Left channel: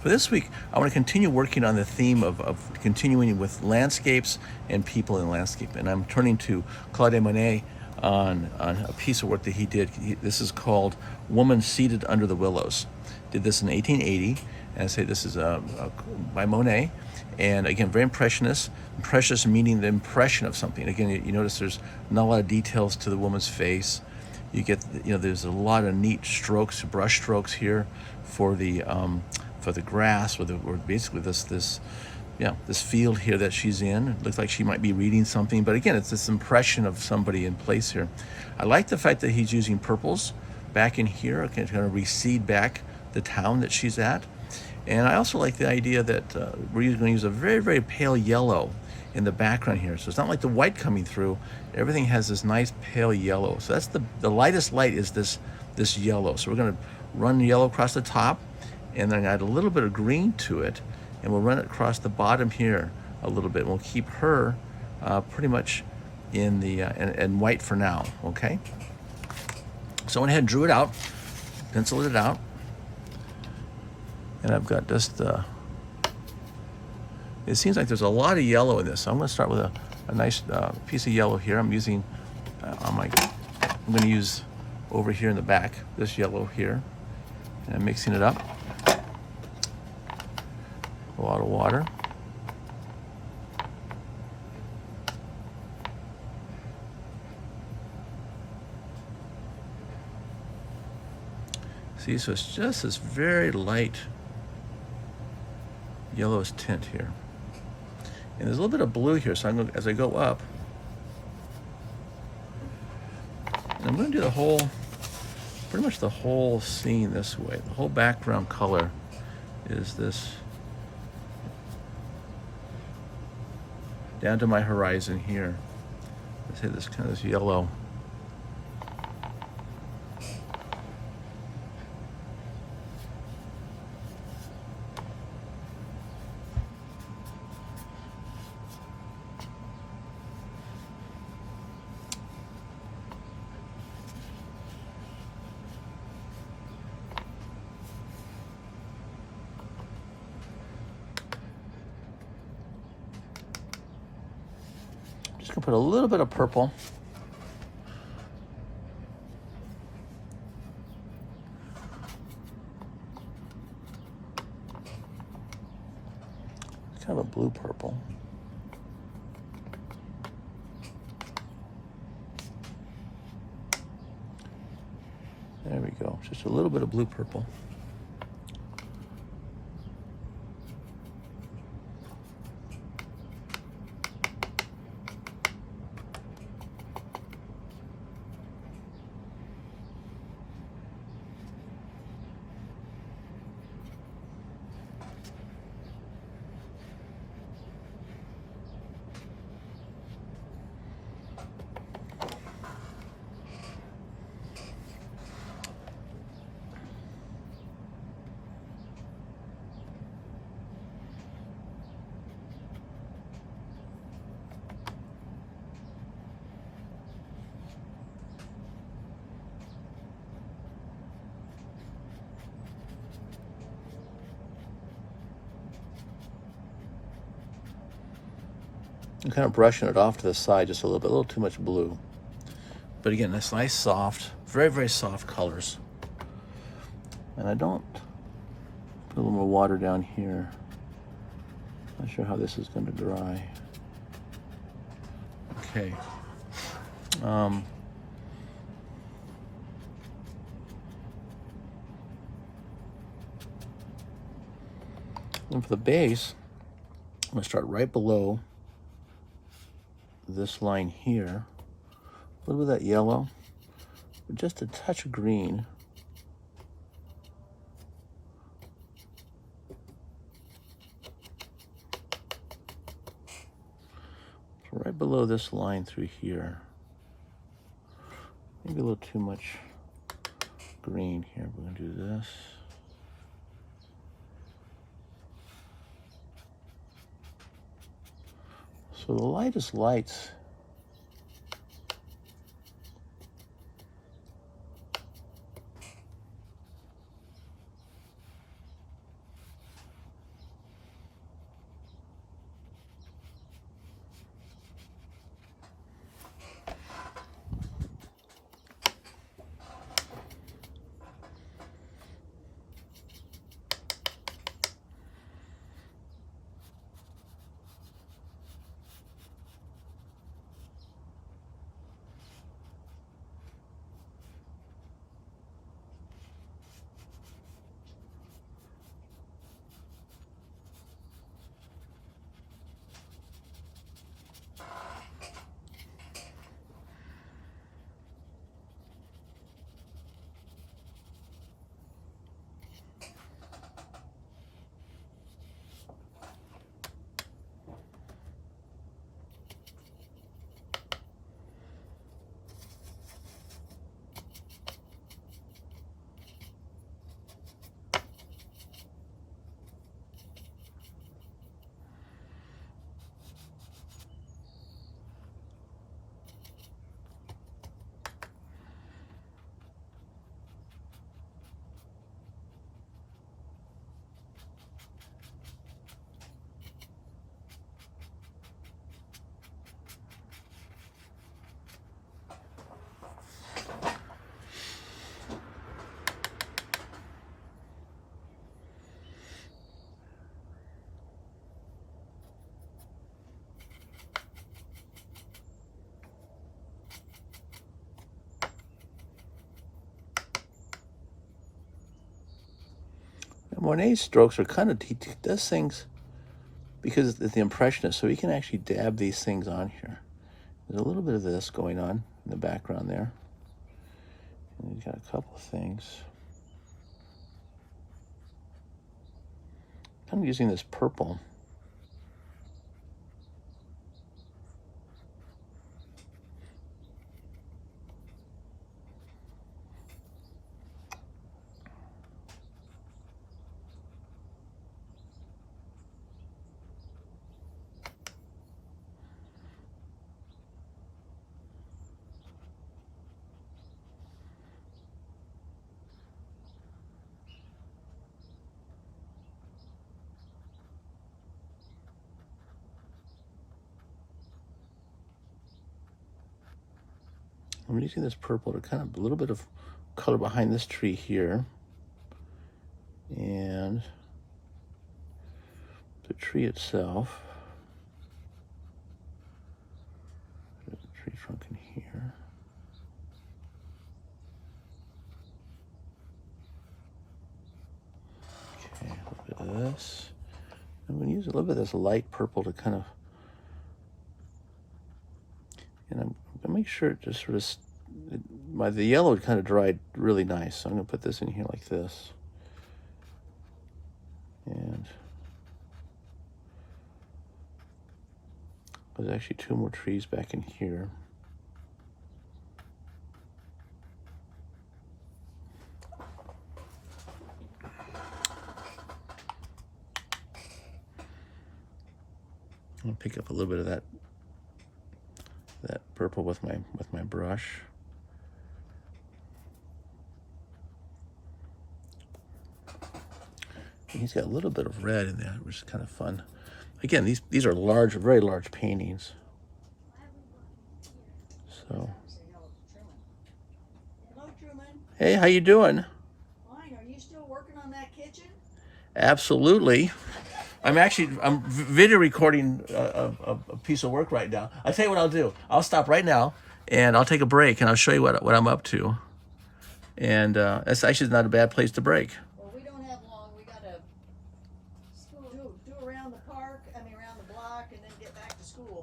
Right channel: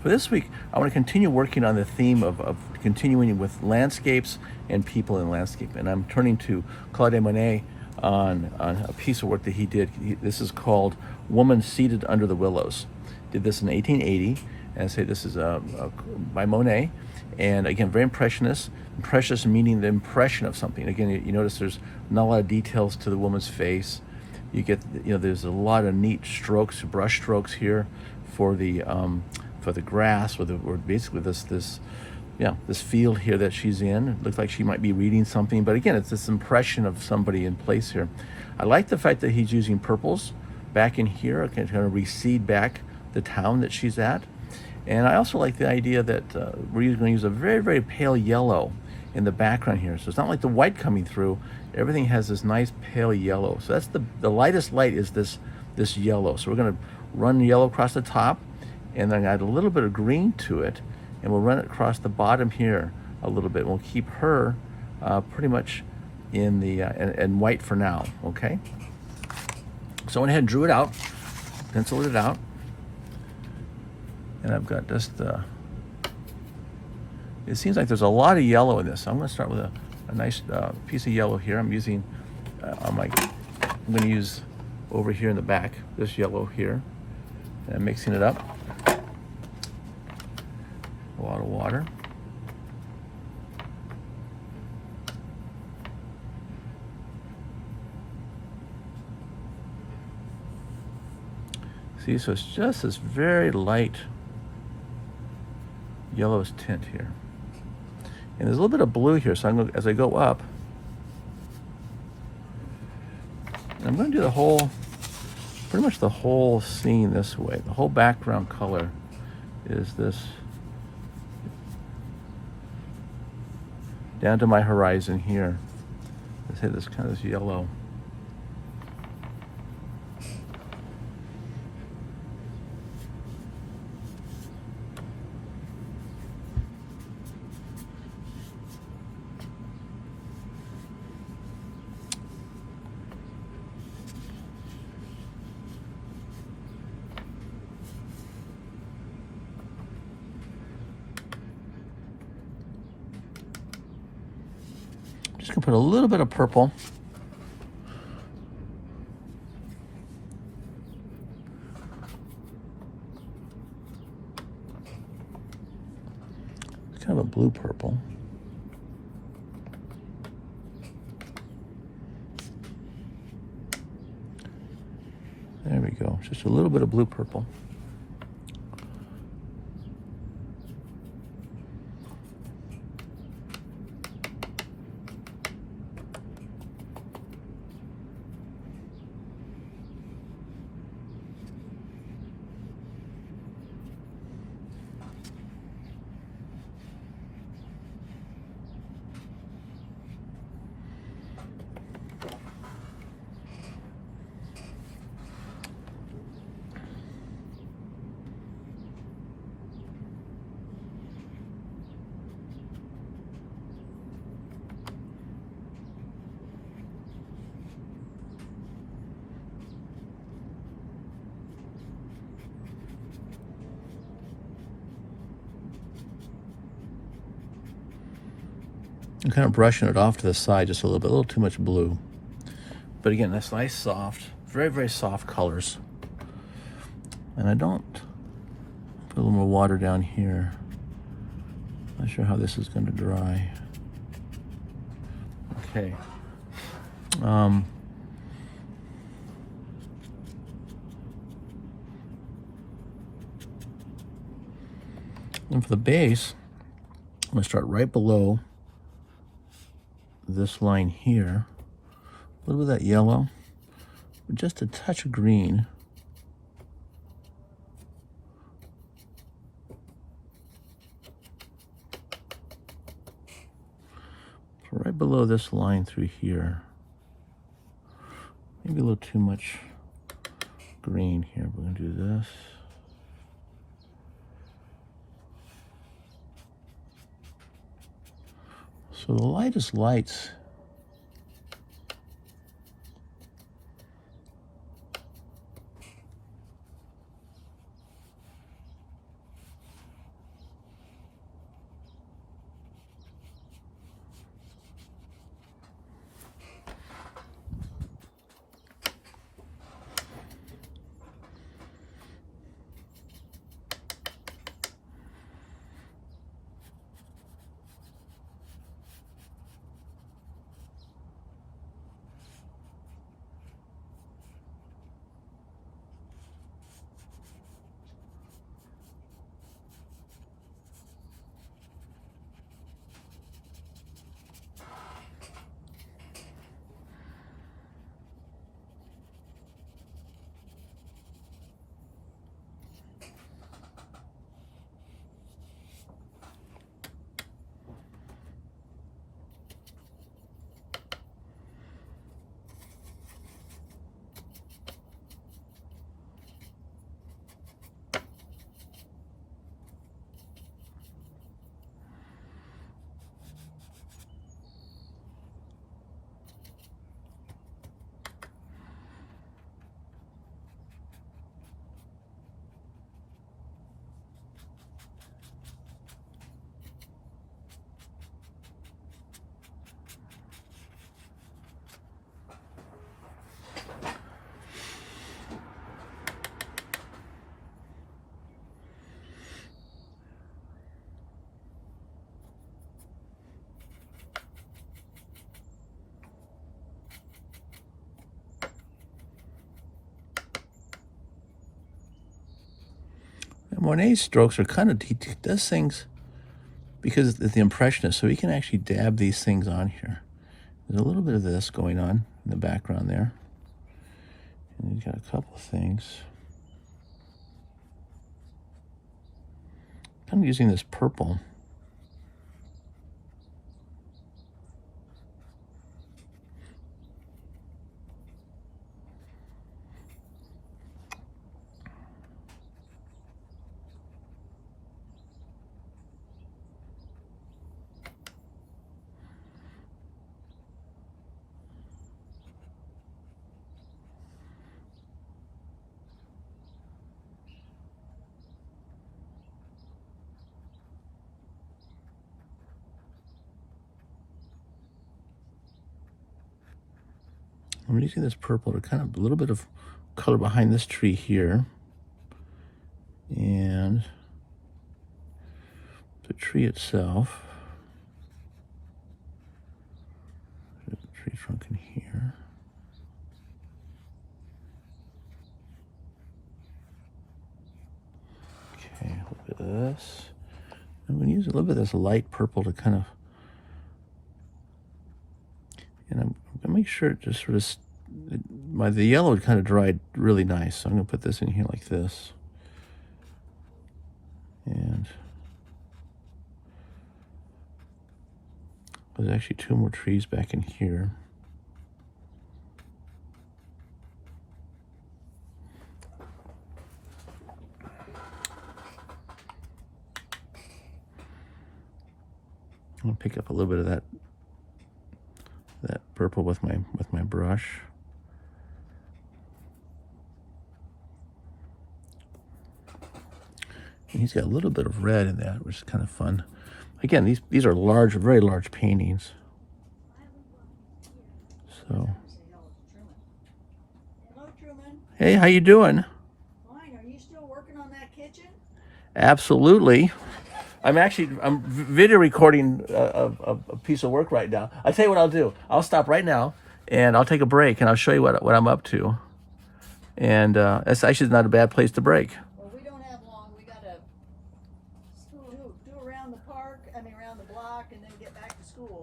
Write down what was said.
For this week, I want to continue working on the theme of continuing with landscapes and people in landscape. And I'm turning to Claude Monet on a piece of work that he did. This is called Woman Seated Under the Willows. Did this in 1880. And I say this is by Monet. And again, very impressionist. Impressionist meaning the impression of something. Again, you notice there's not a lot of details to the woman's face. You get, there's a lot of neat strokes, brush strokes here for the grass, or basically this field here that she's in. It looks like she might be reading something, but again, it's this impression of somebody in place here. I like the fact that he's using purples back in here, kind of recede back the town that she's at. And I also like the idea that we're going to use a very, very pale yellow in the background here. So it's not like the white coming through. Everything has this nice pale yellow. So that's the lightest light is this yellow. So we're going to run yellow across the top, and then add a little bit of green to it, and we'll run it across the bottom here a little bit. We'll keep her pretty much in the and white for now. Okay. So I went ahead and drew it out, penciled it out. And I've got just, it seems like there's a lot of yellow in this. So I'm going to start with a nice piece of yellow here. I'm using, I'm going to use over here in the back, this yellow here. And I'm mixing it up. A lot of water. See, so it's just this very light yellowish tint here, and there's a little bit of blue here. So as I go up, and I'm going to do pretty much the whole scene this way. The whole background color is this down to my horizon here. Let's say this kind of this yellow. Just gonna put a little bit of purple. Kind of a blue purple. There we go. Just a little bit of blue purple. I'm kind of brushing it off to the side just a little too much blue. But again, that's nice, soft, very, very soft colors. And I don't put a little more water down here. Not sure how this is going to dry. Okay. And for the base, I'm going to start right below this line here. A little bit of that yellow, just a touch of green. So right below this line through here. Maybe a little too much green here. We're going to do this. So the lightest lights Monet's strokes are kind of, he does things because of the impressionist, so he can actually dab these things on here. There's a little bit of this going on in the background there. And he's got a couple things. I'm using this purple. I'm using this purple to kind of a little bit of color behind this tree here. And the tree itself. There's a tree trunk in here. Okay, a little bit of this. I'm going to use a little bit of this light purple to kind of, and I'm going to make sure it just sort of, the yellow kind of dried really nice. So I'm going to put this in here like this. And there's actually two more trees back in here. I'll pick up a little bit of that purple with my brush. And he's got a little bit of red in that, which is kind of fun. Again, these are large, very large paintings. So, Hello, Truman. hey, how you doing? Fine. Are you still working on that kitchen? Absolutely. I'm video recording a piece of work right now. I'll tell you what I'll do. I'll stop right now and I'll take a break and I'll show you what I'm up to. And it's actually not a bad place to break. Well, we don't have long. We got to do around the park, around the block, and then get back to school.